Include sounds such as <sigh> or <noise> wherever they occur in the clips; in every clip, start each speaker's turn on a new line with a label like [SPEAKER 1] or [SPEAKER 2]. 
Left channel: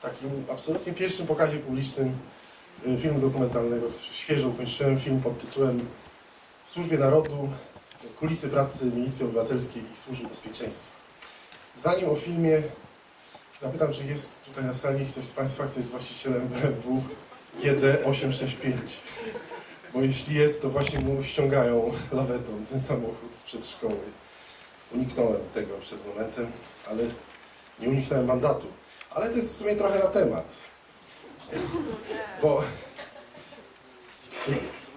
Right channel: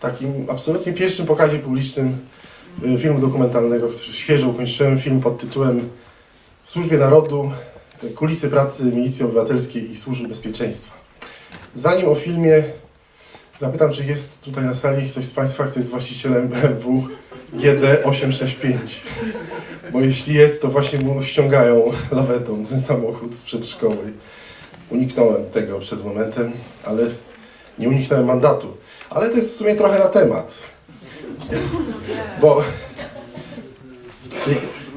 [SPEAKER 1] takim absolutnie pierwszym pokazie publicznym y, filmu dokumentalnego, który świeżo ukończyłem, film pod tytułem W służbie narodu, kulisy pracy Milicji Obywatelskiej i Służby Bezpieczeństwa. Zanim o filmie zapytam, czy jest tutaj na sali ktoś z Państwa, kto jest właścicielem BMW GD865. Bo jeśli jest, to właśnie mu ściągają lawetą ten samochód sprzed szkoły. Uniknąłem tego przed momentem, ale nie uniknąłem mandatu. Ale to jest w sumie trochę na temat. Bo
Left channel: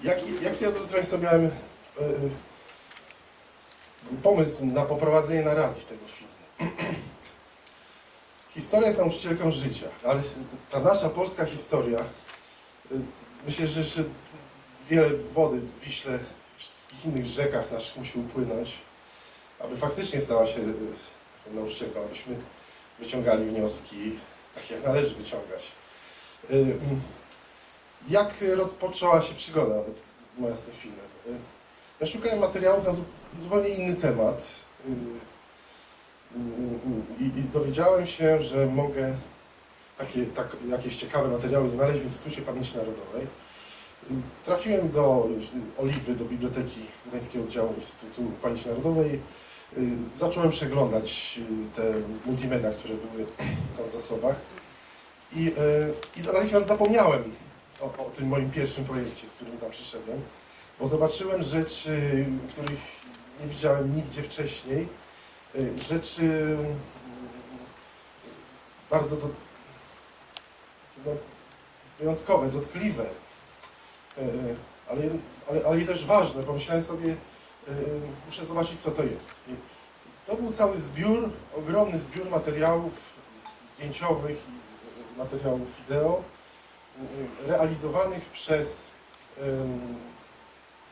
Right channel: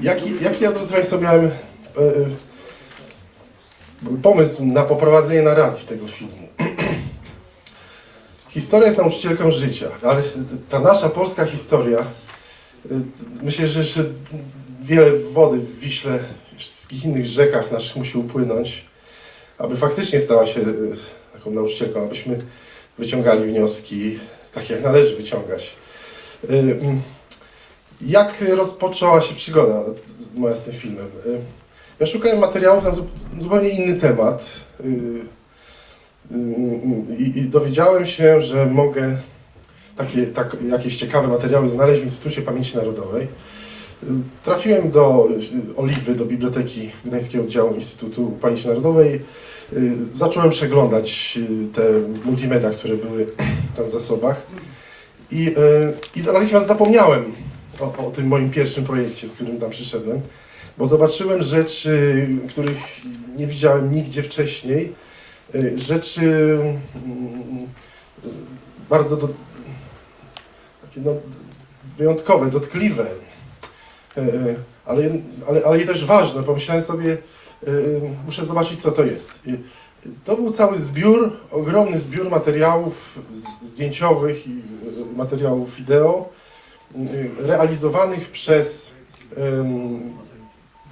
[SPEAKER 1] jaki, jaki ja, drodzy Państwo, miałem pomysł na poprowadzenie narracji tego filmu. <clears throat> Historia jest nauczycielką życia, ale ta nasza polska historia, e, myślę, że jeszcze wiele wody w Wiśle, wszystkich innych rzekach naszych musi upłynąć, aby faktycznie stała się e, taką nauczycielką, abyśmy wyciągali wnioski, tak jak należy wyciągać. Y, Jak rozpoczęła się przygoda moja z tym filmem? Y, Ja szukałem materiałów na zu- zupełnie inny temat y, i, dowiedziałem się, że mogę takie, tak, jakieś ciekawe materiały znaleźć w Instytucie Pamięci Narodowej. Trafiłem do Oliwy, do Biblioteki Gdańskiego Oddziału Instytutu Pamięci Narodowej. Y, Zacząłem przeglądać y, te multimedia, które były <clears throat> tam w zasobach. I, y, i natychmiast zapomniałem o, o tym moim pierwszym projekcie, z którym tam przyszedłem, bo zobaczyłem rzeczy, których nie widziałem nigdzie wcześniej. Rzeczy mm, bardzo do, takie no, wyjątkowe, dotkliwe, ale, ale, ale i też ważne. Pomyślałem sobie, muszę zobaczyć, co to jest. I to był cały zbiór, ogromny zbiór materiałów zdjęciowych i y, materiałów wideo, y, realizowanych przez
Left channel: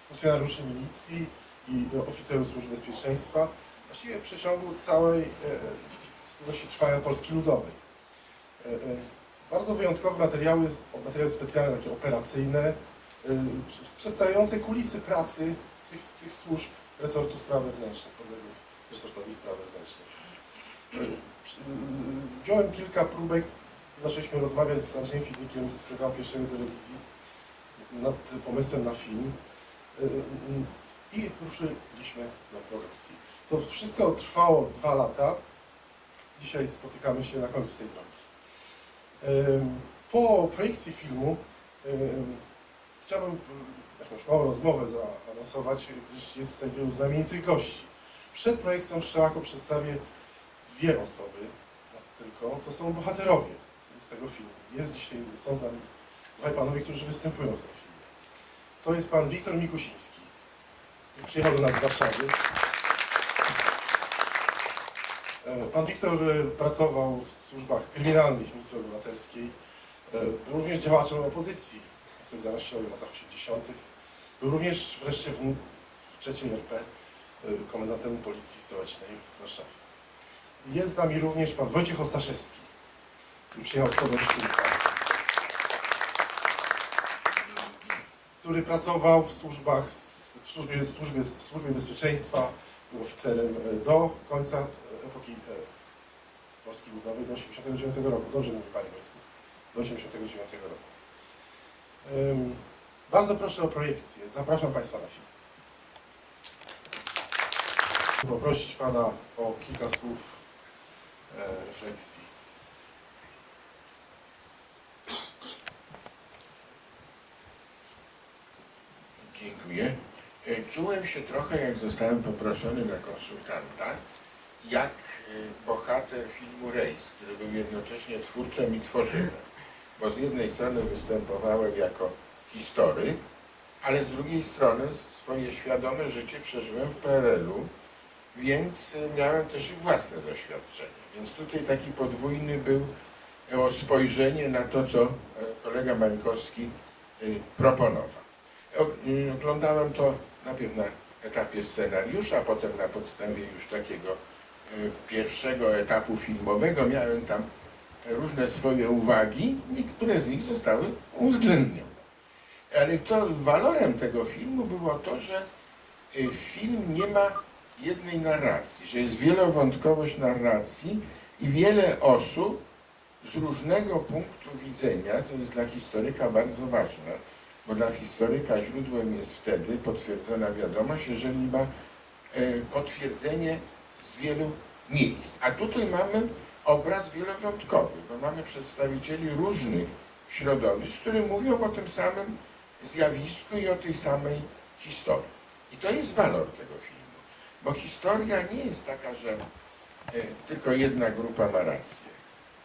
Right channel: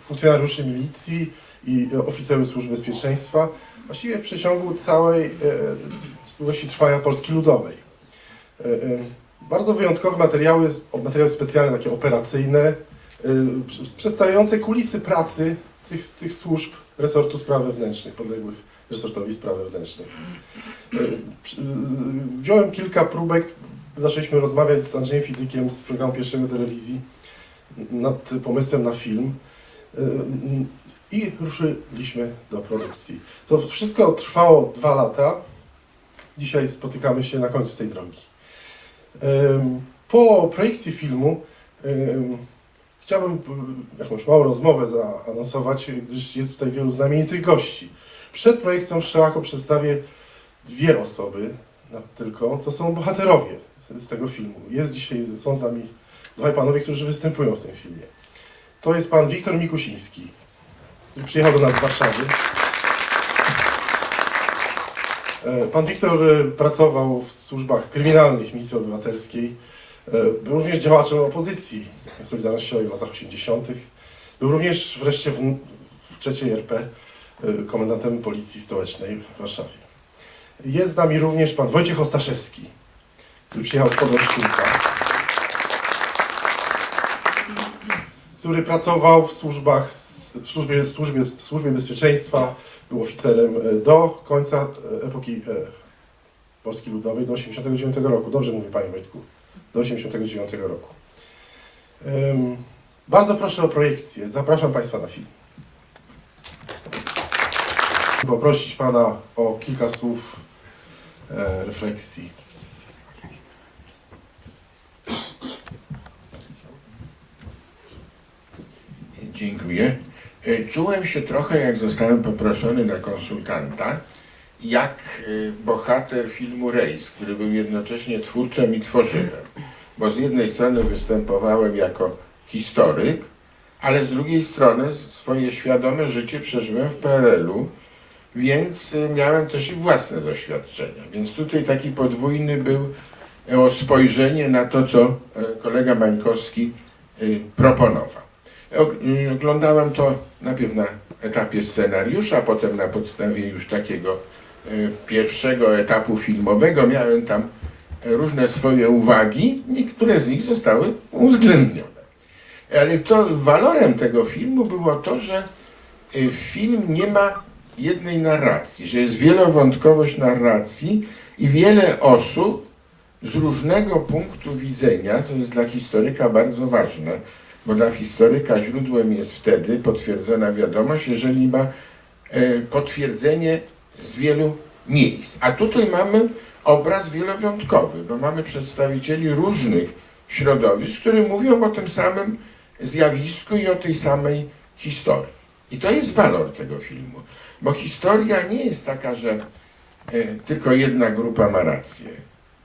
[SPEAKER 1] funkcjonariuszy milicji i oficerów służb bezpieczeństwa, właściwie w przeciągu całej y, długości trwania Polski Ludowej. Y, y, Bardzo wyjątkowe materiały, materiały specjalne, takie operacyjne, y, pr- przedstawiające kulisy pracy tych, tych służb resortu spraw wewnętrznych, podległych resortowi spraw wewnętrznych. Przy- y, Wziąłem kilka próbek, zaczęliśmy rozmawiać z Andrzejem Fidykiem z programu pierwszego telewizji nad pomysłem na film y, i ruszyliśmy do produkcji. To wszystko trwało dwa lata. Dzisiaj spotykamy się na końcu tej drogi. Po projekcji filmu chciałbym y, jakąś małą rozmowę zaanonsować, gdyż jest tutaj wielu znamienitych gości. Przed projekcją wszelako przedstawię dwie osoby tylko. To są bohaterowie z tego filmu. Jest dzisiaj, są z nami dwaj panowie, którzy występują w tym filmie. To jest pan Wiktor Mikusiński, który przyjechał do nas z Warszawy. E, Pan Wiktor e, pracował w służbach kryminalnych Misji Obywatelskiej. E, Był również działaczem opozycji Solidarnościowej w latach 80. Był również wreszcie w, w trzeciej RP e, komendantem Policji Stołecznej w Warszawie. Jest z nami również pan Wojciech Ostaszewski, który przyjechał z Podolszczynka, który pracował w służbach, w służbie, służbie, służbie bezpieczeństwa, był oficerem e, do końca epoki Polski Ludowej, do 89 roku. Dobrze mówi Panie Wojtku, do 89 roku. Bardzo proszę o projekcję. Zapraszam Państwa na film. Poprosić Pana o kilka słów e, refleksji.
[SPEAKER 2] Dziękuję. E, Czułem się trochę, jak zostałem poproszony na konsultanta, jak e, bohater filmu Rejs, który był jednocześnie twórcą i tworzywem. Bo z jednej strony występowałem jako historyk, ale z drugiej strony swoje świadome życie przeżyłem w PRL-u, więc e, miałem też i własne doświadczenia. Więc tutaj taki podwójny był e, spojrzenie na to, co e, kolega Mańkowski e, proponował. Og- y, Oglądałem to najpierw na etapie scenariusza, a potem na podstawie już takiego y, pierwszego etapu filmowego. Miałem tam y, różne swoje uwagi, niektóre z nich zostały uwzględnione. Ale to walorem tego filmu było to, że y, film nie ma jednej narracji, że jest wielowątkowość narracji i wiele osób z różnego punktu widzenia, to jest dla historyka bardzo ważne, bo dla historyka źródłem jest wtedy potwierdzona wiadomość, jeżeli ma potwierdzenie z wielu miejsc. A tutaj mamy obraz wielowiątkowy, bo mamy przedstawicieli różnych środowisk, które mówią o tym samym zjawisku i o tej samej historii. I to jest walor tego filmu, bo historia nie jest taka, że e, tylko jedna grupa ma rację,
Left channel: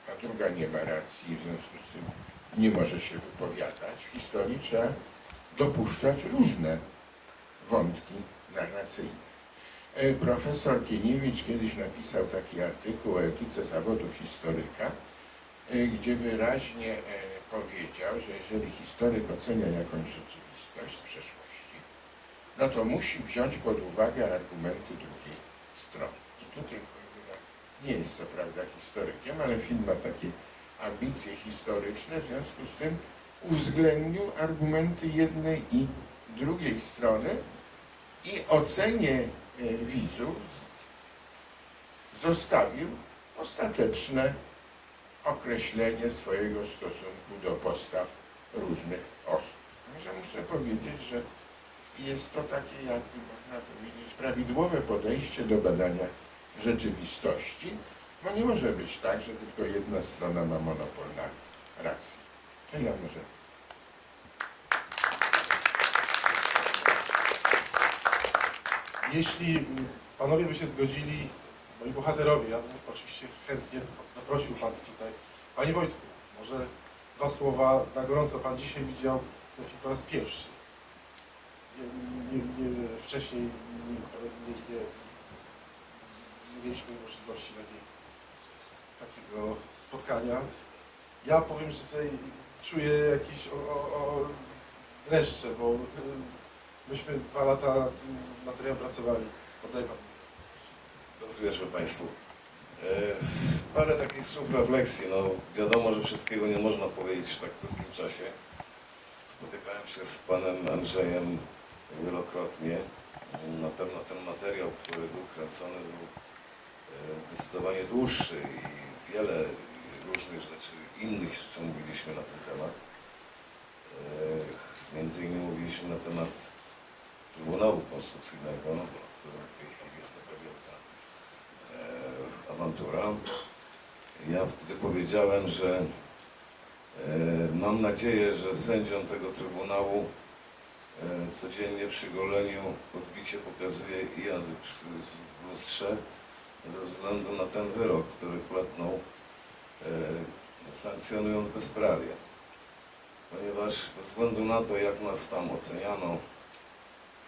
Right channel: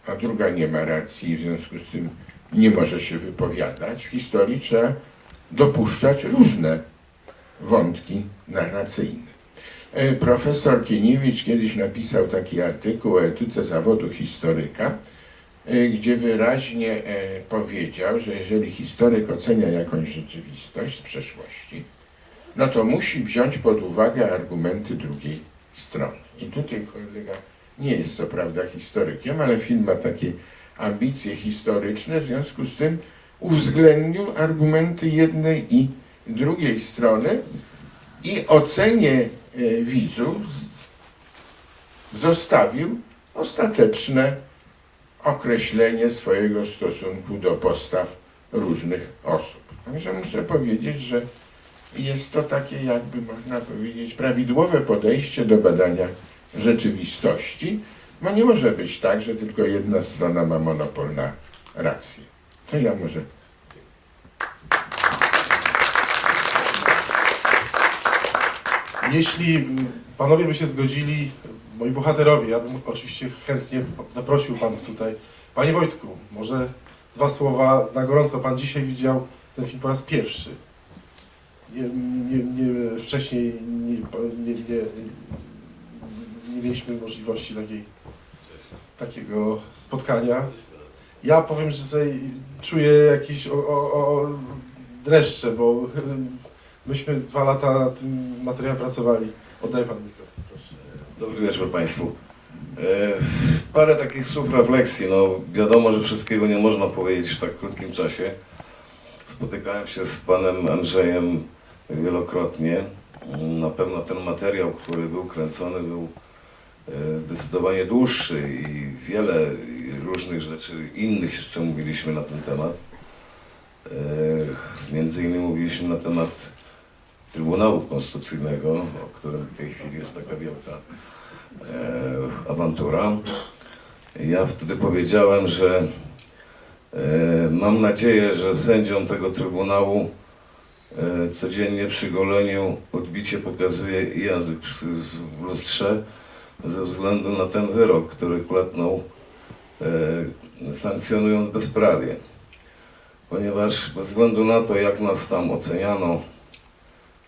[SPEAKER 2] a druga nie ma racji i w związku z tym nie może się wypowiadać. W historii trzeba dopuszczać różne wątki narracyjne. E, Profesor Kieniewicz kiedyś napisał taki artykuł o etyce zawodu historyka, e, gdzie wyraźnie e, powiedział, że jeżeli historyk ocenia jakąś rzeczywistość z przeszłości, no to musi wziąć pod uwagę argumenty drugiej strony. I tutaj kolega nie jest co prawda historykiem, ale film ma takie ambicje historyczne, w związku z tym uwzględnił argumenty jednej i drugiej strony i ocenie widzów z- zostawił ostateczne określenie swojego stosunku do postaw różnych osób. Także muszę powiedzieć, że jest to takie, jakby można powiedzieć, prawidłowe podejście do badania rzeczywistości, bo nie może być tak, że tylko jedna strona ma monopol na rację. To ja może
[SPEAKER 1] Jeśli panowie by się zgodzili, moi bohaterowie, ja bym oczywiście chętnie zaprosił panów tutaj. Panie Wojtku, może dwa słowa na gorąco. Pan dzisiaj widział ten film po raz pierwszy. Nie, nie, nie, wcześniej nie, nie, nie, nie mieliśmy możliwości takiej, takiego spotkania. Ja powiem, że czuję jakieś o, o, o dreszcze, bo myśmy dwa lata nad tym materiałem pracowali. Oddaję pan mikrofon.
[SPEAKER 3] Dobry wieczór Państwu. E, parę takich słów refleksji. No, wiadomo, że wszystkiego nie można powiedzieć w tak krótkim czasie. Spotykałem się z panem Andrzejem wielokrotnie. Na pewno ten materiał, który był kręcony, był e, zdecydowanie dłuższy i wiele różnych rzeczy innych jeszcze mówiliśmy na ten temat. E, Między innymi mówiliśmy na temat Trybunału Konstytucyjnego, o którym w tej chwili jest taka wielka e, awantura. Ja wtedy powiedziałem, że e, mam nadzieję, że sędziom tego Trybunału e, codziennie przy goleniu odbicie pokazuje język w lustrze ze względu na ten wyrok, który klepnął e, sankcjonując bezprawie. Ponieważ bez względu na to, jak nas tam oceniano,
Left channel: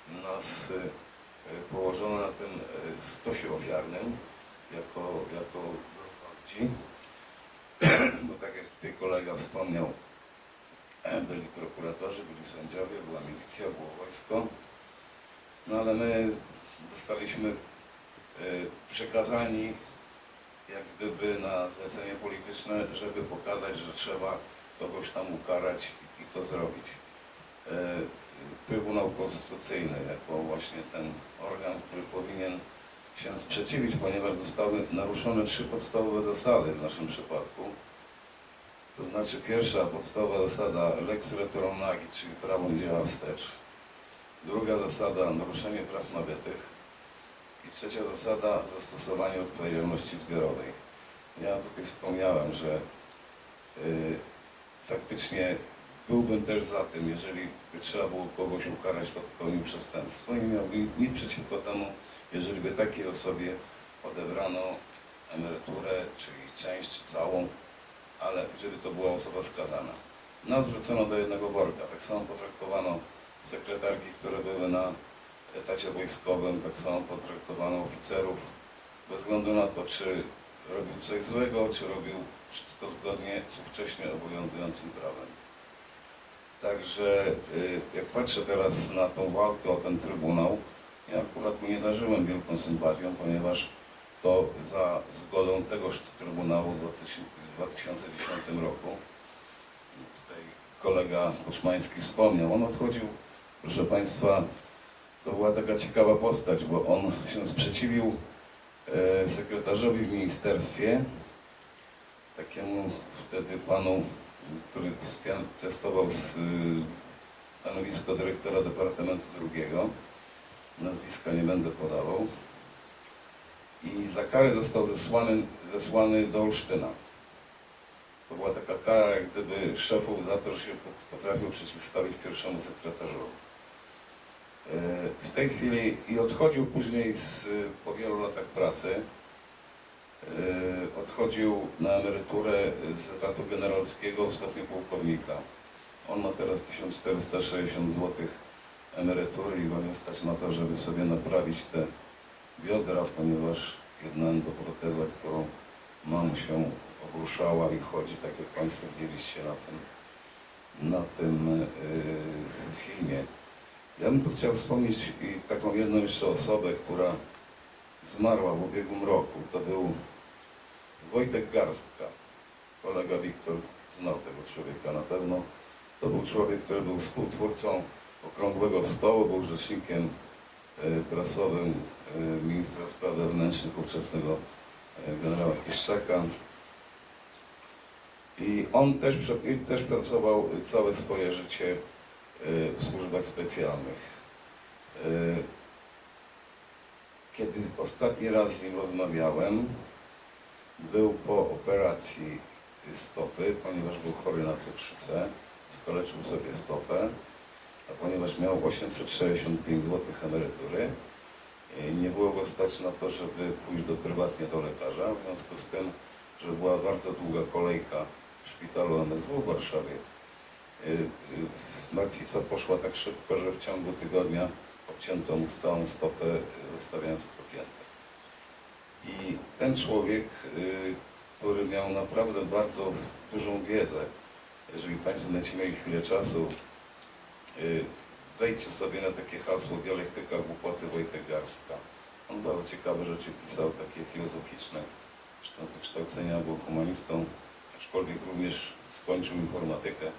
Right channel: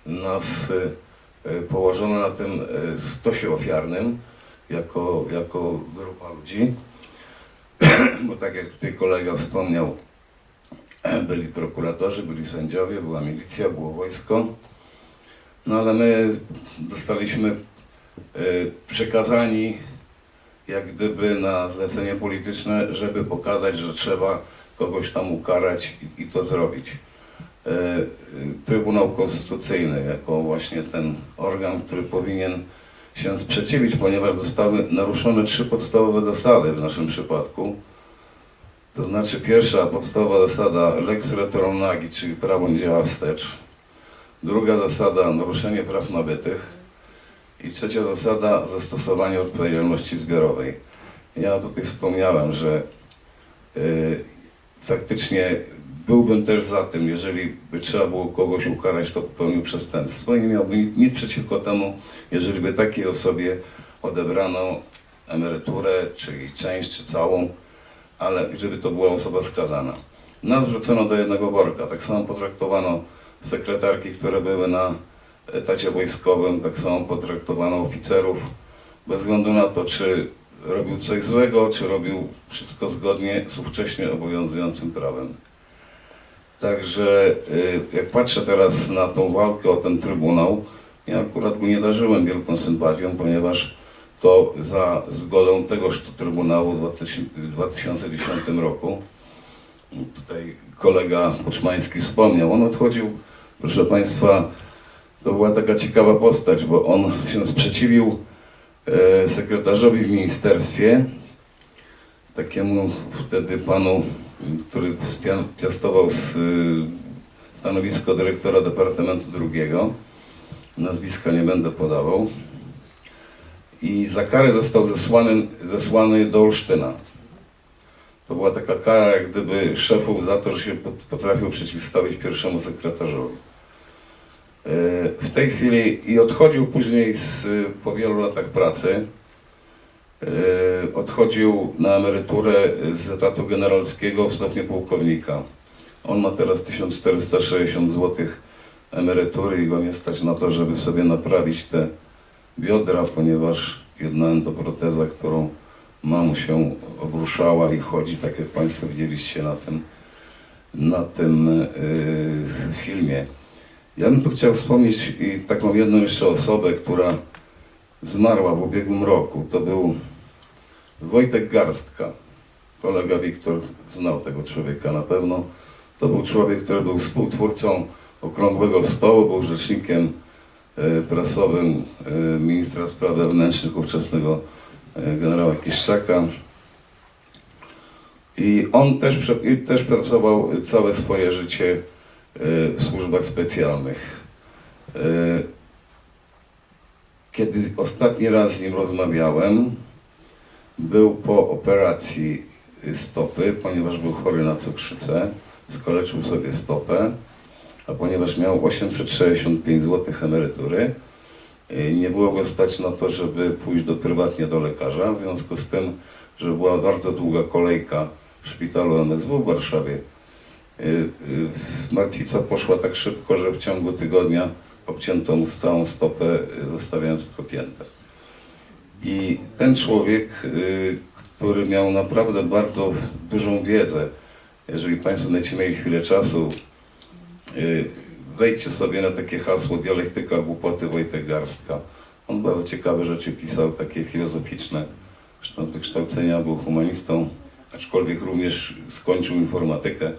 [SPEAKER 3] nas e, e, położono na tym e, stosie ofiarnym jako, jako grupa ludzi, <clears throat> bo tak jak tutaj kolega wspomniał, byli prokuratorzy, byli sędziowie, była milicja, było wojsko, no ale my dostaliśmy e, przekazani jak gdyby na zlecenie polityczne, żeby pokazać, że trzeba kogoś tam ukarać i to zrobić. E, Trybunał Konstytucyjny jako właśnie ten organ, który powinien się sprzeciwić, ponieważ zostały naruszone trzy podstawowe zasady w naszym przypadku. To znaczy pierwsza podstawowa zasada lex retroronagi, czyli prawo nie działa wstecz. Druga zasada naruszenie praw nabytych. I trzecia zasada zastosowanie odpowiedzialności zbiorowej. Ja tutaj wspomniałem, że y, faktycznie byłbym też za tym, jeżeli by trzeba było kogoś ukarać, to popełnił przestępstwo i nie miałbym nic- przeciwko temu, jeżeli by takiej osobie odebrano emeryturę, czyli część, czy całą, ale żeby to była osoba skazana. Nas wrzucono do jednego worka, tak samo potraktowano sekretarki, które były na etacie wojskowym, tak samo potraktowano oficerów, bez względu na to, czy robił coś złego, czy robił wszystko zgodnie z ówcześnie obowiązującym prawem. Także y, jak patrzę teraz na tą walkę o ten Trybunał, ja akurat go nie darzyłem wielką sympatią, ponieważ to za zgodą tegoż Trybunału w 2000 w 2010 roku, tutaj kolega Poczmański wspomniał, on odchodził, proszę Państwa, to była taka ciekawa postać, bo on się sprzeciwił e, sekretarzowi w ministerstwie, takiemu wtedy panu, który piastował y, stanowisko dyrektora Departamentu Drugiego. Nazwiska nie będę podawał. I za karę został zesłany, zesłany do Olsztyna. To była taka kara jak gdyby szefów za to, że się pot- potrafił przeciwstawić pierwszemu sekretarzowi. E, W tej chwili i odchodził później z, po wielu latach pracy. E, Odchodził na emeryturę z etatu generalskiego w stopniu pułkownika. On ma teraz 1460 zł emerytury i go nie stać na to, żeby sobie naprawić te biodra, ponieważ jedna endoproteza, którą ma mu się obruszała i chodzi, tak jak Państwo widzieliście na tym, na tym yy, filmie. Ja bym tu chciał wspomnieć i taką jedną jeszcze osobę, która zmarła w ubiegłym roku. To był Wojtek Garstka. Kolega Wiktor znał tego człowieka na pewno. To był człowiek, który był współtwórcą Okrągłego Stołu, był rzecznikiem e, prasowym e, ministra spraw wewnętrznych ówczesnego e, generała Kiszczaka. I on też, też pracował całe swoje życie w służbach specjalnych. Kiedy ostatni raz z nim rozmawiałem, był po operacji stopy, ponieważ był chory na cukrzycę, skaleczył sobie stopę, a ponieważ miał 865 zł emerytury, y, nie było go stać na to, żeby pójść do, prywatnie do lekarza, w związku z tym, że była bardzo długa kolejka w szpitalu MSW w Warszawie. y, y, Martwica poszła tak szybko, że w ciągu tygodnia obcięto mu całą stopę, y, zostawiając tylko piętę. I ten człowiek, y, który miał naprawdę bardzo dużą wiedzę, jeżeli Państwo będziecie mieli chwilę czasu, y, wejdźcie sobie na takie hasło Dialektyka Głupoty Wojtek Garstka. On bardzo ciekawe rzeczy pisał, takie filozoficzne. Zresztą z wykształcenia był humanistą, aczkolwiek również skończył informatykę,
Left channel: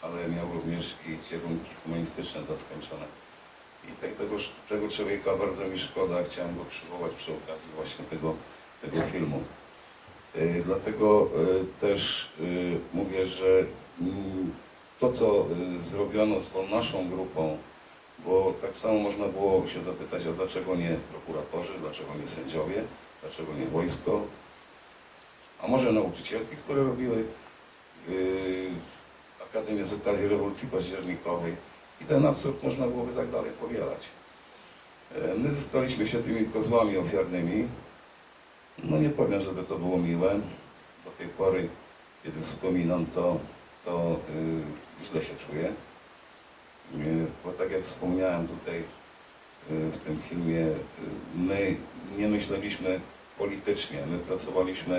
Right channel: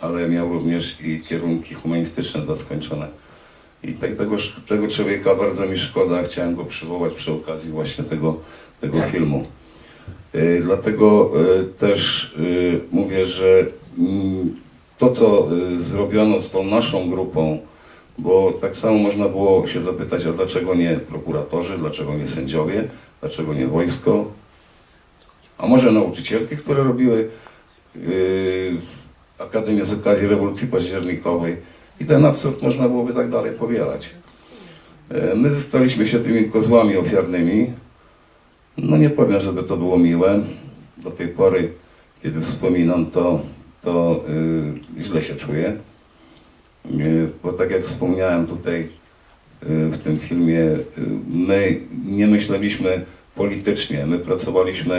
[SPEAKER 3] ale miał również i kierunki humanistyczne dwa skończone. I te, tego, tego człowieka bardzo mi szkoda, chciałem go przywołać przy okazji właśnie tego, tego filmu. Y, Dlatego y, też y, mówię, że mm, to, co zrobiono z tą naszą grupą, bo tak samo można było się zapytać, a dlaczego nie prokuratorzy, dlaczego nie sędziowie, dlaczego nie wojsko, a może nauczycielki, które robiły Akademię z okazji rewolucji październikowej i ten absurd można byłoby tak dalej powielać. E, My zostaliśmy się tymi kozłami ofiarnymi. No nie powiem, żeby to było miłe. Do tej pory, kiedy wspominam to, to y, źle się czuję. Y, bo tak jak wspomniałem tutaj y, w tym filmie, y, my nie myśleliśmy politycznie, my pracowaliśmy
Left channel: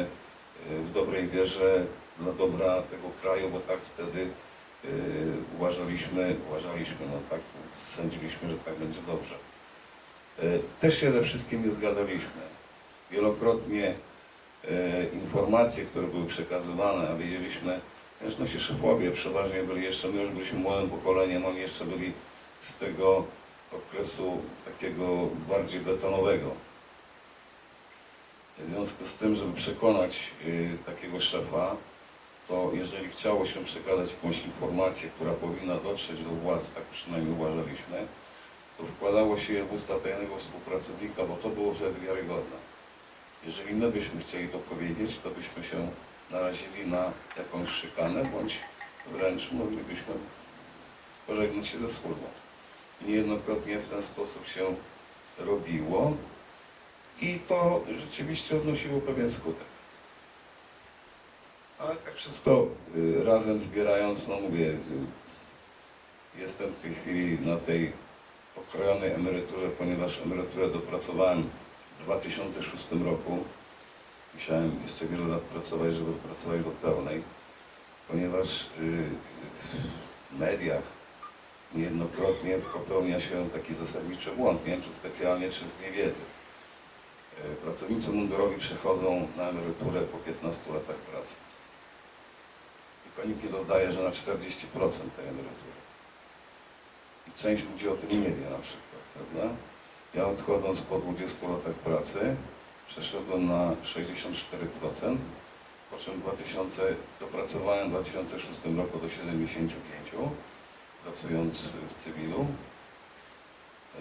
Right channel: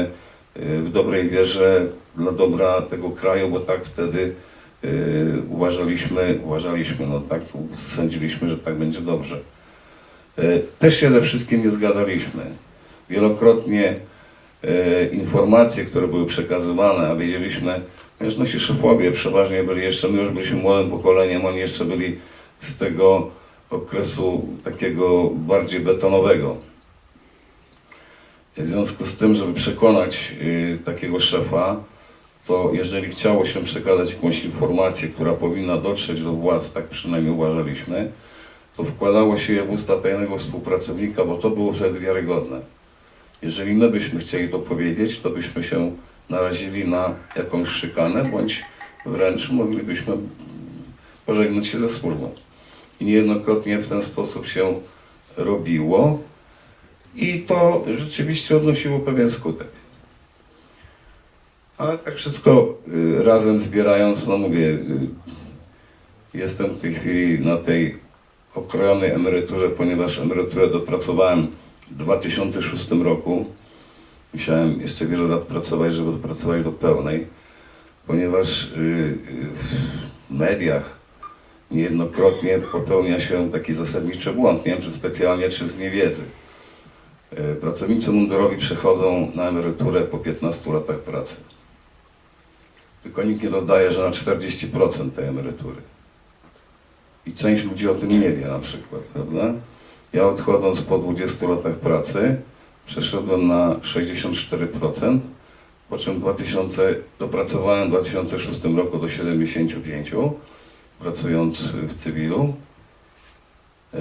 [SPEAKER 3] y, w dobrej wierze dla dobra tego kraju, bo tak wtedy uważaliśmy, uważaliśmy, no tak sądziliśmy, że tak będzie dobrze. Y, Też się ze wszystkim nie zgadzaliśmy. Wielokrotnie e, informacje, które były przekazywane, a wiedzieliśmy, ponieważ nasi szefowie przeważnie byli jeszcze, my już byliśmy młodym pokoleniem, oni jeszcze byli z tego okresu takiego bardziej betonowego. W związku z tym, żeby przekonać takiego szefa, to jeżeli chciało się przekazać jakąś informację, która powinna dotrzeć do władz, tak przynajmniej uważaliśmy, to wkładało się je w usta tajnego współpracownika, bo to było wtedy wiarygodne. Jeżeli my byśmy chcieli to powiedzieć, to byśmy się narazili na jakąś szykanę, bądź wręcz moglibyśmy pożegnać się ze służbą. I niejednokrotnie w ten sposób się robiło i to rzeczywiście odnosiło pewien skutek. Ale tak wszystko y, razem zbierając, no mówię, y, jestem w tej chwili na tej okrojonej emeryturze, ponieważ emeryturę dopracowałem w 2006 roku. Musiałem jeszcze wiele lat pracować, żeby dopracować do pełnej, ponieważ y, w mediach niejednokrotnie popełnia się taki zasadniczy błąd, nie wiem czy specjalnie, czy z niewiedzy. Pracownicy mundurowi przechodzą na emeryturę po 15 latach pracy. Tylko nikt nie dodaje, że na 40% tej emerytury. I część ludzi o tym nie wie na przykład, prawda? Ja odchodząc po 20 latach pracy przeszedłem na 64% po czym w 2000, dopracowałem w 2006 roku do 75, pracując w cywilu. E,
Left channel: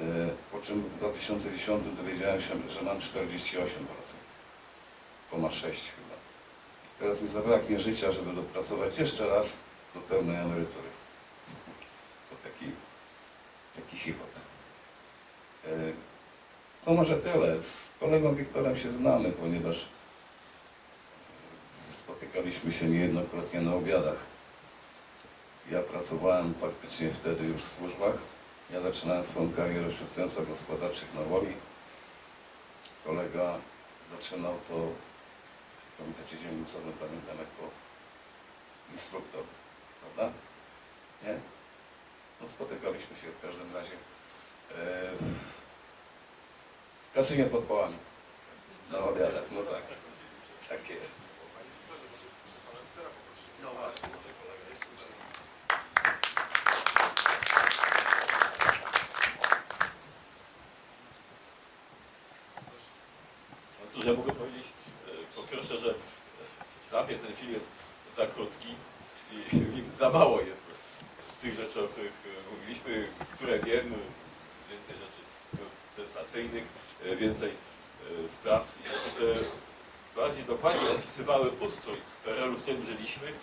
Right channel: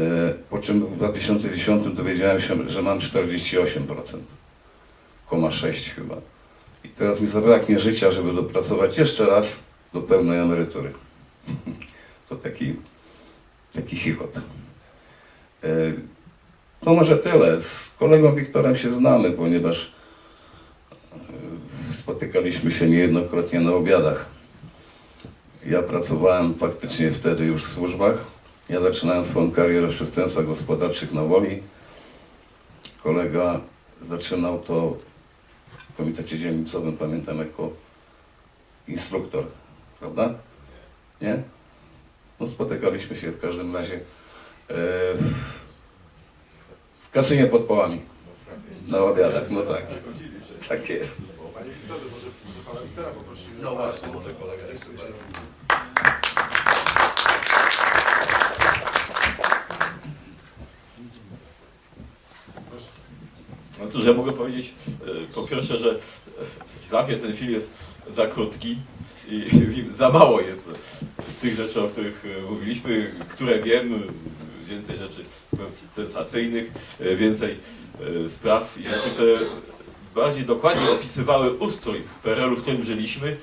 [SPEAKER 3] Po czym w 2010 dowiedziałem się, że mam 48%, koma 6 chyba. I teraz mi zabraknie życia, żeby dopracować jeszcze raz do pełnej emerytury. <laughs> To taki, taki chichot. E, To może tyle. Z kolegą Wiktorem się znamy, ponieważ e, spotykaliśmy się niejednokrotnie na obiadach. Ja pracowałem faktycznie wtedy już w służbach. Ja zaczynałem swoją karierę w przestępstwach gospodarczych na Woli. Kolega zaczynał to komitecie dzielnicowym, pamiętam jako instruktor, prawda? Nie? No spotykaliśmy się w każdym razie e, w kasynie pod połami. Na obiadach, no tak.
[SPEAKER 1] takie.
[SPEAKER 3] No właśnie, może kolega jeszcze
[SPEAKER 4] No cóż, ja mogę powiedzieć e, po pierwsze, że e, dla mnie ten film jest za krótki i <laughs> za mało jest tych rzeczy, o których e, mówiliśmy, które wiem, więcej rzeczy sensacyjnych, e, więcej e, spraw rzeczy, które bardziej dokładnie opisywały ustrój PRL-u, w którym żyliśmy.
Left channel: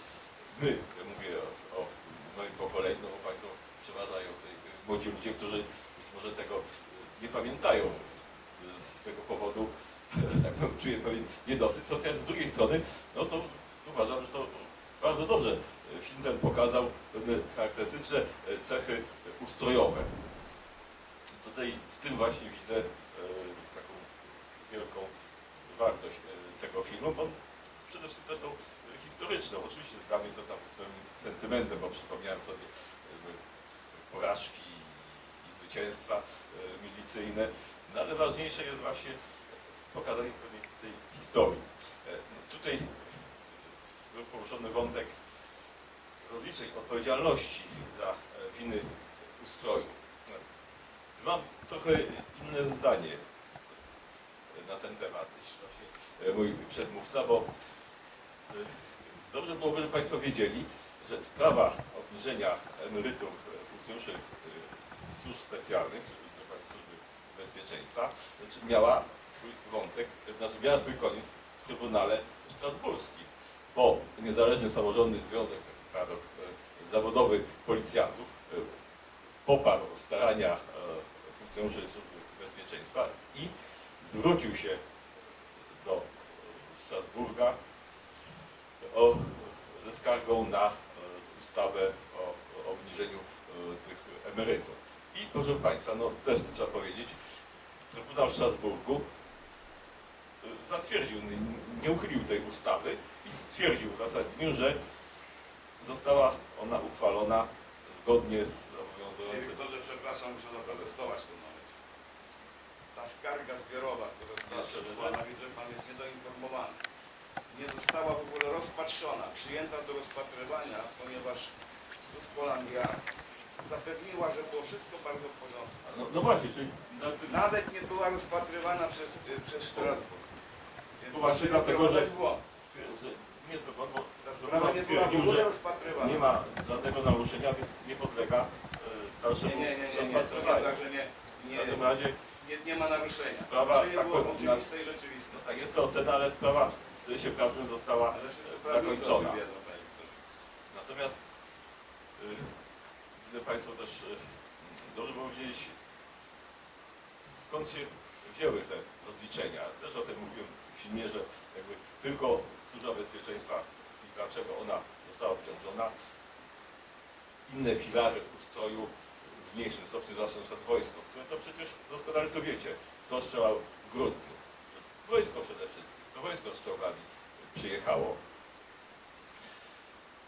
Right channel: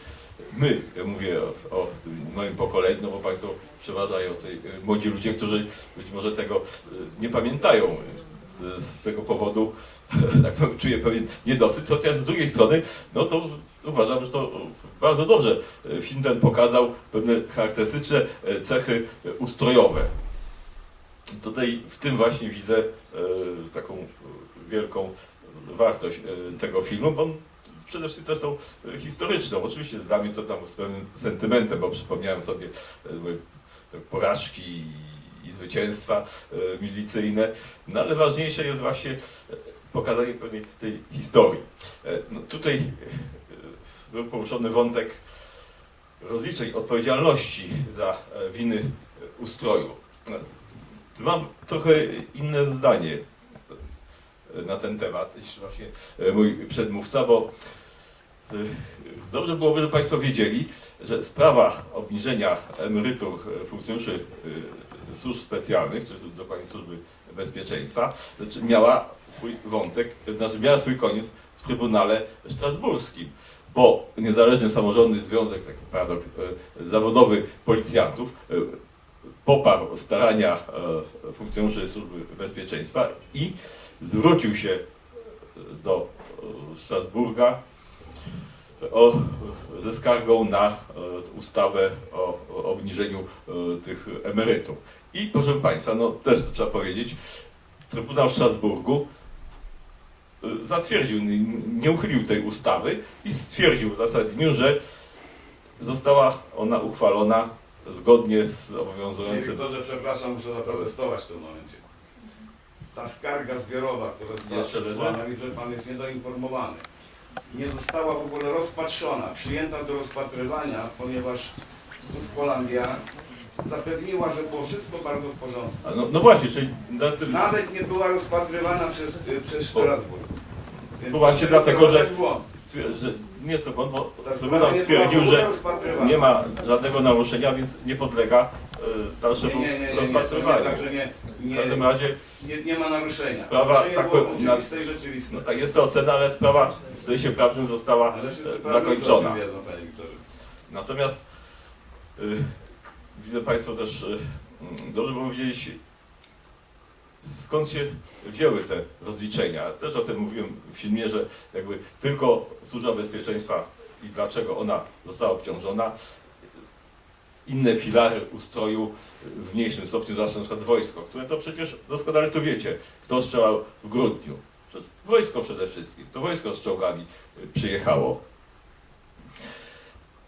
[SPEAKER 4] My, ja mówię o, o moim pokoleniu, no bo Państwo przeważają e, młodzi ludzie, którzy być może tego e, nie pamiętają. Z, z tego powodu <laughs> tak powiem, czuję pewien niedosyt, chociaż z drugiej strony, no to uważam, że to bardzo dobrze film ten pokazał pewne charakterystyczne e, cechy e, ustrojowe. Tutaj w tym właśnie widzę e, taką wielką wartość tego filmu, bo on przede wszystkim zresztą e, historyczną. Oczywiście dla mnie to tam z pewnym sentymentem, bo przypomniałem sobie porażki i zwycięstwa e, milicyjne, no ale ważniejsze jest właśnie e, pokazanie pewnej tej historii. E, No, tutaj był poruszony wątek rozliczeń odpowiedzialności za winy ustroju. Mam trochę inne zdanie na ten temat niż właśnie mój przedmówca, bo dobrze byłoby, żeby Państwo wiedzieli, że sprawa obniżenia emerytur funkcjonariuszy służb specjalnych, czy dokładnie służby bezpieczeństwa, znaczy miała swój wątek, znaczy miała swój koniec w Trybunale Strasburskim, bo Niezależny Samorządny Związek, taki paradoks, e, zawodowy policjantów e, poparł starania e, funkcjonariuszy służby bezpieczeństwa i zwrócił się do Strasburga o, ze skargą na ustawę o, obniżeniu tych emerytur. I proszę Państwa, no też to trzeba powiedzieć, Trybunał w Strasburgu e, zatwierdził, nie- uchylił tej ustawy i stwierdził w uzasadnieniu, że została ona uchwalona zgodnie z obowiązującym.
[SPEAKER 5] Wiktorze, przepraszam, muszę zaprotestować w tym momencie. Ta skarga zbiorowa, która została
[SPEAKER 4] Jeszcze
[SPEAKER 5] przesłana, widzę, że Pan jest niedoinformowany. Nie została w ogóle rozpatrzona, przyjęta do rozpatrywania, ponieważ Tuskolandia zapewniła, że było wszystko bardzo w porządku.
[SPEAKER 4] A No, no właśnie, czyli na tym,
[SPEAKER 5] Nawet nie była rozpatrywana przez, y, przez Strasburg. Więc
[SPEAKER 4] właśnie dlatego, że-
[SPEAKER 5] wprowadzać w błąd.
[SPEAKER 4] stwier- że nie jest to błąd, bo
[SPEAKER 5] sprawa
[SPEAKER 4] Trybunał
[SPEAKER 5] nie
[SPEAKER 4] stwierdził, że
[SPEAKER 5] rozpatrywana.
[SPEAKER 4] nie ma żadnego naruszenia, więc nie podlega e, dalszemu
[SPEAKER 5] Nie, nie, nie, nie, nie, to nie,
[SPEAKER 4] rozpatrywaniu.
[SPEAKER 5] także nie,
[SPEAKER 4] W
[SPEAKER 5] nie,
[SPEAKER 4] każdym razie
[SPEAKER 5] nie, nie ma naruszenia.
[SPEAKER 4] Sprawa
[SPEAKER 5] Naruszenie
[SPEAKER 4] tak
[SPEAKER 5] było
[SPEAKER 4] powiem, na-
[SPEAKER 5] oczywiste i rzeczywiste.
[SPEAKER 4] no, tak jest to ocena, ale sprawa w sensie prawnym została
[SPEAKER 5] Ale wszyscy
[SPEAKER 4] e,
[SPEAKER 5] prawnicy o
[SPEAKER 4] zakończona.
[SPEAKER 5] tym wiedzą, panie Wiktorze.
[SPEAKER 4] Natomiast y, widzę Państwo też y, mm, dobrze było wiedzieć, skąd się wzięły te rozliczenia. Też o tym mówiłem w filmie, że jakby tylko Służba Bezpieczeństwa i dlaczego ona została obciążona. Inne filary ustroju w mniejszym stopniu, zwłaszcza na przykład wojsko, które to przecież doskonale to wiecie, kto strzelał w grudniu. Wojsko przede wszystkim, to wojsko z czołgami przyjechało.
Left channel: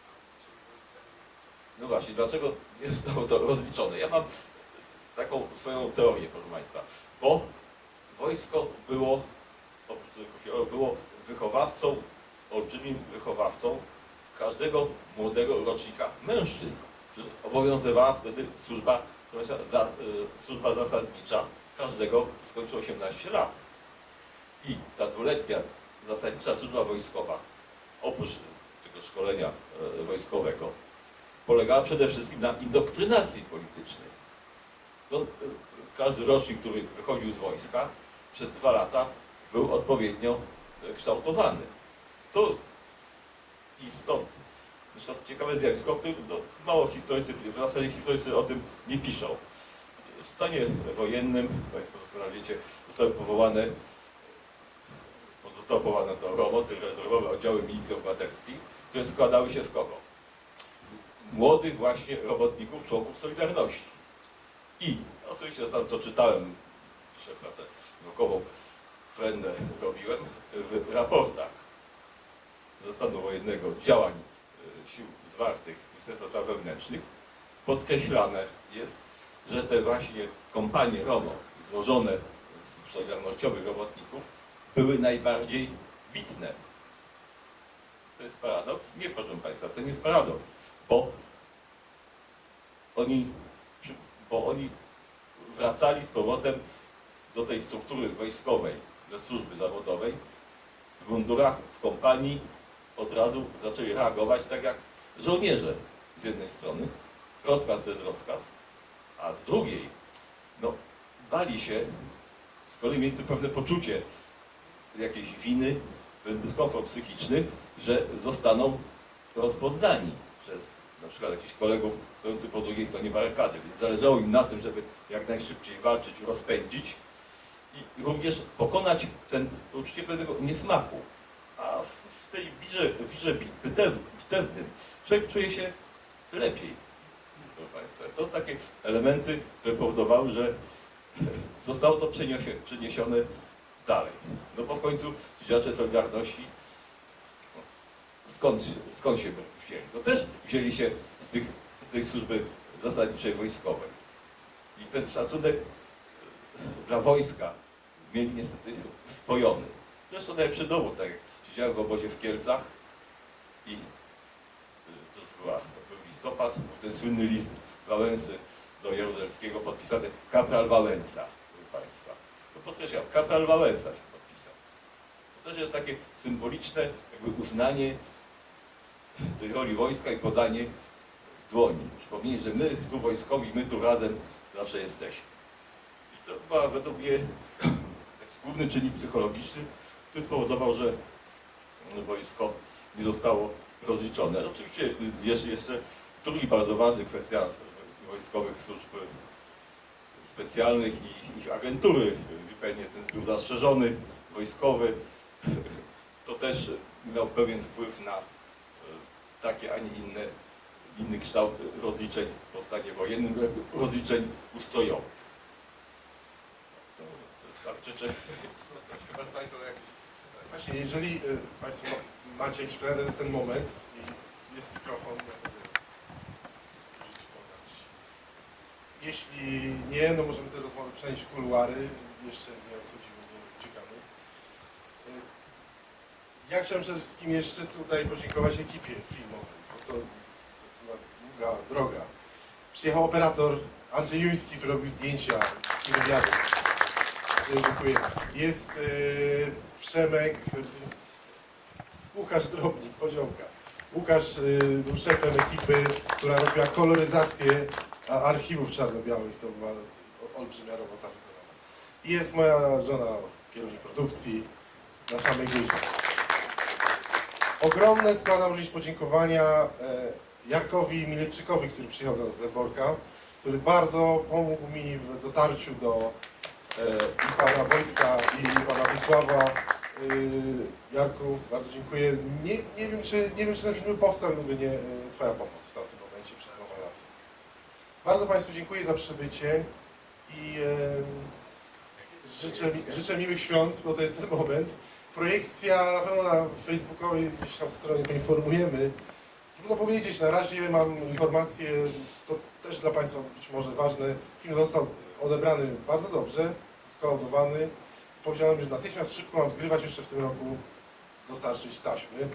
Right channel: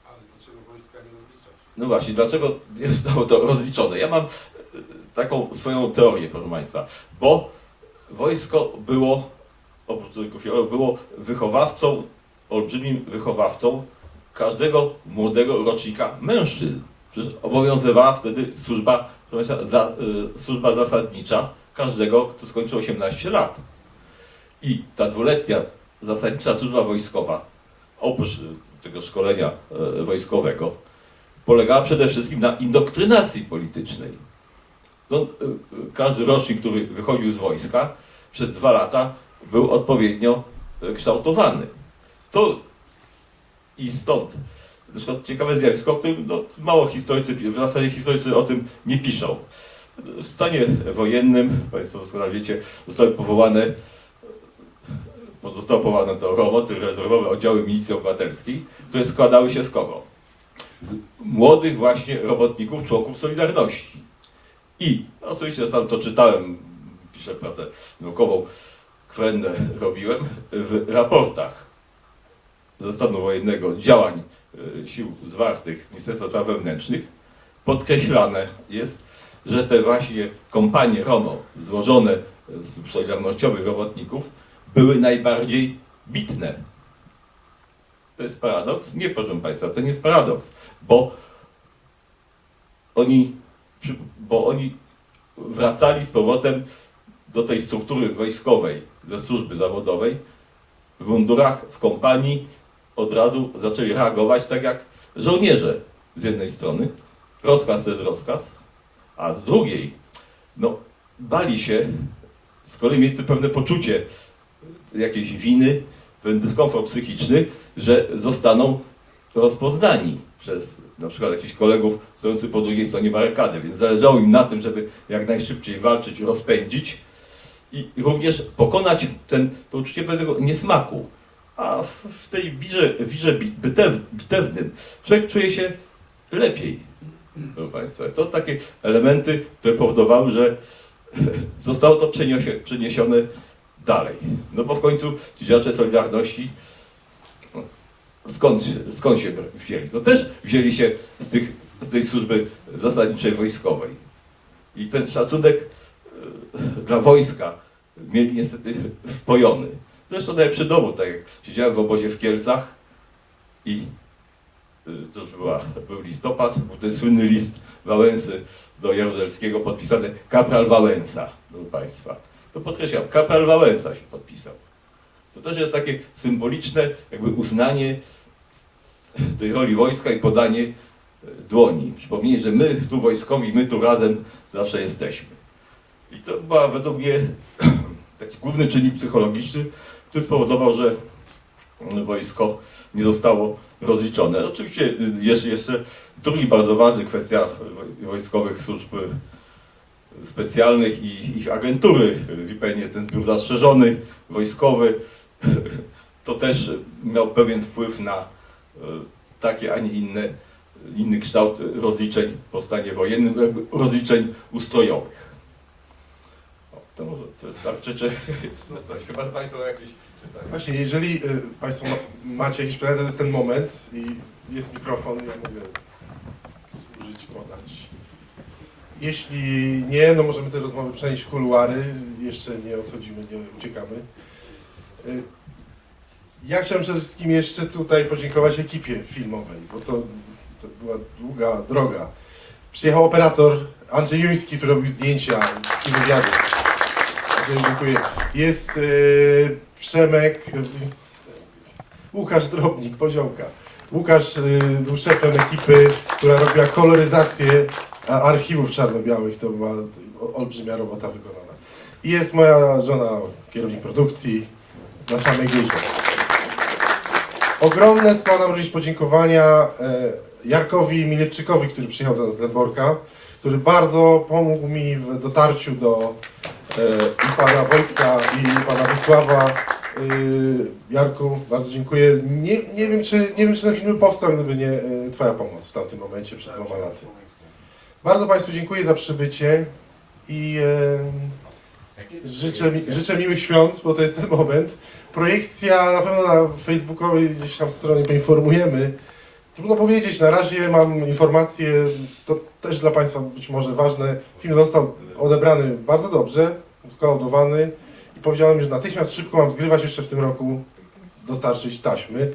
[SPEAKER 1] Ale dlaczego wojska nie rozlicza?
[SPEAKER 4] No właśnie, dlaczego zostało to rozliczone? Ja mam e, taką swoją teorię, proszę Państwa, bo wojsko było, oprócz filaru, było wychowawcą, olbrzymim wychowawcą każdego młodego rocznika mężczyzn. Przecież obowiązywała wtedy służba, Państwa, za, y, służba zasadnicza każdego, kto skończył 18 lat. I ta dwuletnia zasadnicza służba wojskowa oprócz tego szkolenia e, wojskowego, polegała przede wszystkim na indoktrynacji politycznej. No, e, każdy rocznik, który wychodził z wojska, przez dwa lata był odpowiednio e, kształtowany. To i stąd na przykład ciekawe zjawisko, o którym no, mało historycy, w zasadzie historycy o tym nie piszą. W stanie wojennym, Państwo doskonale wiecie, zostały powołane, zostało powołane to ROMO, czyli rezerwowe oddziały milicji obywatelskiej, które składały się z kogo? Młodych właśnie robotników, członków Solidarności. I oczywiście sam to czytałem, piszę pracę naukową, kwendę robiłem, w raportach ze stanu wojennego działań e, sił zwartych Ministerstwa Spraw Wewnętrznych podkreślane jest, że te właśnie kompanie ROMO złożone z solidarnościowych robotników były najbardziej bitne. To jest paradoks? Nie, proszę Państwa, to nie jest paradoks, bo oni, bo oni wracali z powrotem do tej struktury wojskowej ze służby zawodowej w mundurach, w kompanii od razu zaczęli reagować tak jak żołnierze z jednej strony. Rozkaz to jest rozkaz, a z drugiej, no, bali się, z kolei mieli pewne poczucie jakiejś winy, dyskomfort psychiczny, że zostaną rozpoznani przez na przykład jakichś kolegów stojących po drugiej stronie barykady, więc zależało im na tym, żeby jak najszybciej walczyć, rozpędzić i również pokonać ten, to uczucie pewnego niesmaku. A w, w tej wirze, wirze bi- bytew, bitewnym człowiek czuje się lepiej. Proszę Państwa, to takie elementy, które powodowały, że <laughs> zostało to przeniesione dalej. No bo w końcu ci działacze Solidarności no, skąd, skąd się wzięli? No też wzięli się z, tych, z tej służby zasadniczej wojskowej. I ten szacunek e, dla wojska mieli niestety wpojony. Zresztą najlepszy dowód, tak jak siedziałem w obozie w Kielcach i y, to już była, był listopad, był ten słynny list Wałęsy do Jaruzelskiego podpisany kapral Wałęsa, proszę Państwa. To podkreślam, kapral Wałęsa się podpisał. To też jest takie symboliczne jakby uznanie tej roli wojska i podanie y, dłoni. Przypomnienie, że my tu wojskowi, my tu razem zawsze jesteśmy. I to była według mnie <clears throat> taki główny czynnik psychologiczny, który spowodował, że wojsko nie zostało rozliczone. Oczywiście jest jeszcze drugi bardzo ważny kwestia woj- wojskowych służb specjalnych i ich agentury. Wie Pani, jest ten zbiór zastrzeżony, wojskowy. To też miał pewien wpływ na e, takie, a nie inne, inny kształt rozliczeń po stanie wojennym, rozliczeń ustrojowych. To, może- to jest tak, czy, czy chyba Państwo jakieś pytania?
[SPEAKER 1] Właśnie, jeżeli y, Państwo ma, macie jakieś pytania, to jest ten moment i jest mikrofon, ja mogę użyć, podać. Jeśli nie, no możemy te rozmowy przenieść w kuluary, jeszcze nie odchodzimy, nie uciekamy. Y, Ja chciałem przede wszystkim jeszcze tutaj podziękować ekipie filmowej, bo to, to była długa droga. Przyjechał operator Andrzej Juński, który robił zdjęcia, wszystkie wywiady. Dziękuję. Jest y, Przemek, y, Łukasz Drobnik, Poziołka. Łukasz y, był szefem ekipy, która robiła koloryzację archiwów czarno-białych. To była olbrzymia robota wykonana. I jest moja żona, kierownik produkcji, na samej górze. Ogromne składam również podziękowania e, Jarkowi Milewczykowi, który przyjechał do nas z Dęborka, który bardzo pomógł mi w dotarciu do e, i pana Wojtka, i pana Wysława. Y, Jarku, bardzo dziękuję. Nie, nie, wiem, czy, nie wiem, czy ten film powstał, gdyby nie e, Twoja pomoc w tamtym momencie, przed dwoma laty. Bardzo Państwu dziękuję za przybycie i e, życzę, mi- życzę miłych świąt, bo to jest ten moment. Projekcja na pewno na facebookowej gdzieś tam stronie poinformujemy. Trudno powiedzieć, na razie mam informacje, to też dla Państwa być może ważne. Film został odebrany bardzo dobrze, skołodowany i powiedziałem, że natychmiast szybko mam zgrywać jeszcze w tym roku, dostarczyć taśmy.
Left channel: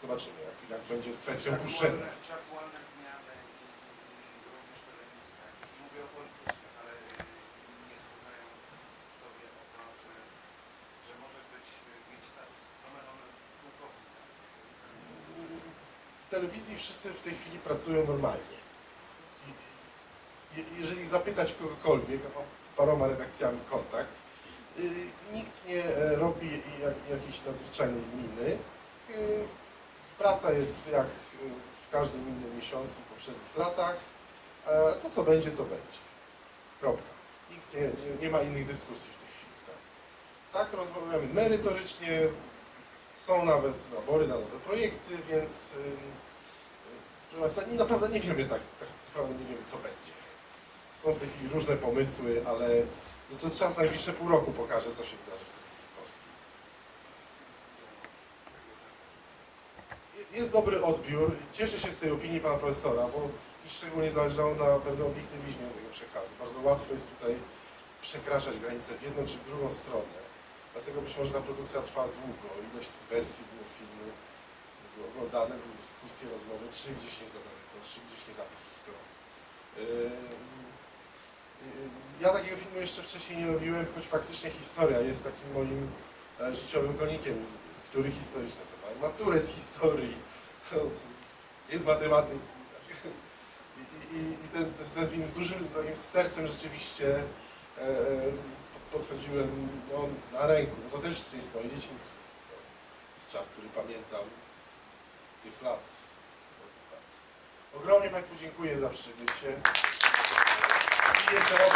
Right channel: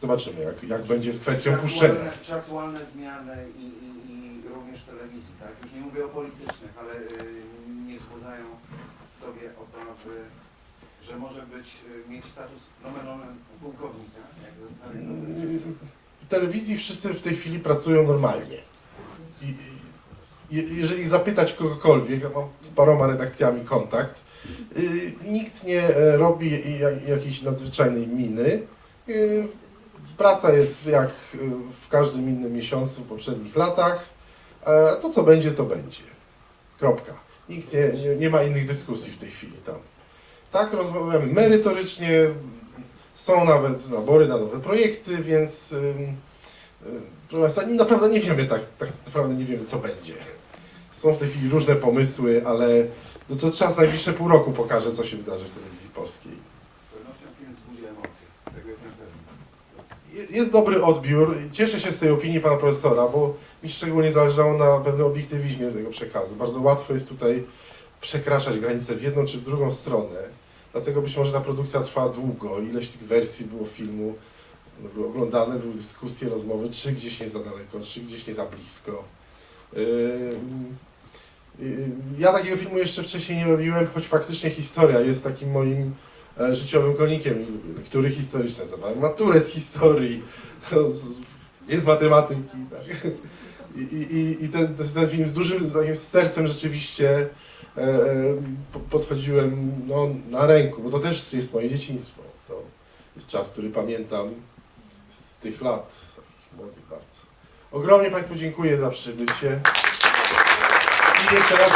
[SPEAKER 1] Zobaczymy, jak, jak będzie z kwestią puszczenia.
[SPEAKER 5] Czy aktualne zmiany i również telewizji, tak? Już nie mówię o politycznych, ale y, nie wzbudzają w Tobie obawy, że
[SPEAKER 6] że może być, y, mieć status nomen omen pułkownika, jak
[SPEAKER 1] W telewizji wszyscy w tej chwili pracują normalnie. I, jeżeli zapytać kogokolwiek, mam z paroma redakcjami kontakt, y, nikt nie e, robi jak, jakiejś nadzwyczajnej miny. Praca jest jak w każdym innym miesiącu w poprzednich latach. E, to co będzie, to będzie. Kropka. Nikt nie, nie, nie ma innych dyskusji w tej chwili tam. Tak, rozmawiamy merytorycznie, są nawet nabory na nowe projekty, więc ym, proszę Państwa, naprawdę nie wiemy tak, tak naprawdę nie wiemy co będzie. Są w tej chwili różne pomysły, ale no to czas najbliższe pół roku pokaże, co się wydarzy w telewizji polskiej.
[SPEAKER 6] Z pewnością film wzbudzi emocje, tego jestem pewny.
[SPEAKER 1] Je- Jest dobry odbiór. Cieszę się z tej opinii pana profesora, bo mi szczególnie zależało na pewnym obiektywizmie tego przekazu. Bardzo łatwo jest tutaj przekraczać granice w jedną czy w drugą stronę. Dlatego być może ta produkcja trwała długo. Ileś tych wersji było filmu, były oglądane, były dyskusje, rozmowy, czy gdzieś nie za daleko, czy gdzieś nie za blisko. Ym, ym, Ja takiego filmu jeszcze wcześniej nie robiłem, choć faktycznie historia jest takim moim życiowym konikiem, który historyczny nazywałem maturę z historii, z- jest z matematyki. Tak. I, i, i- ten, ten, film z dużym z sercem rzeczywiście e, e, po- podchodziłem no, na ręku, bo to też jest moje dzieciństwo. To jest czas, który pamiętam z tych lat, młodych bardzo. Ogromnie Państwu dziękuję za przybycie. I jeszcze raz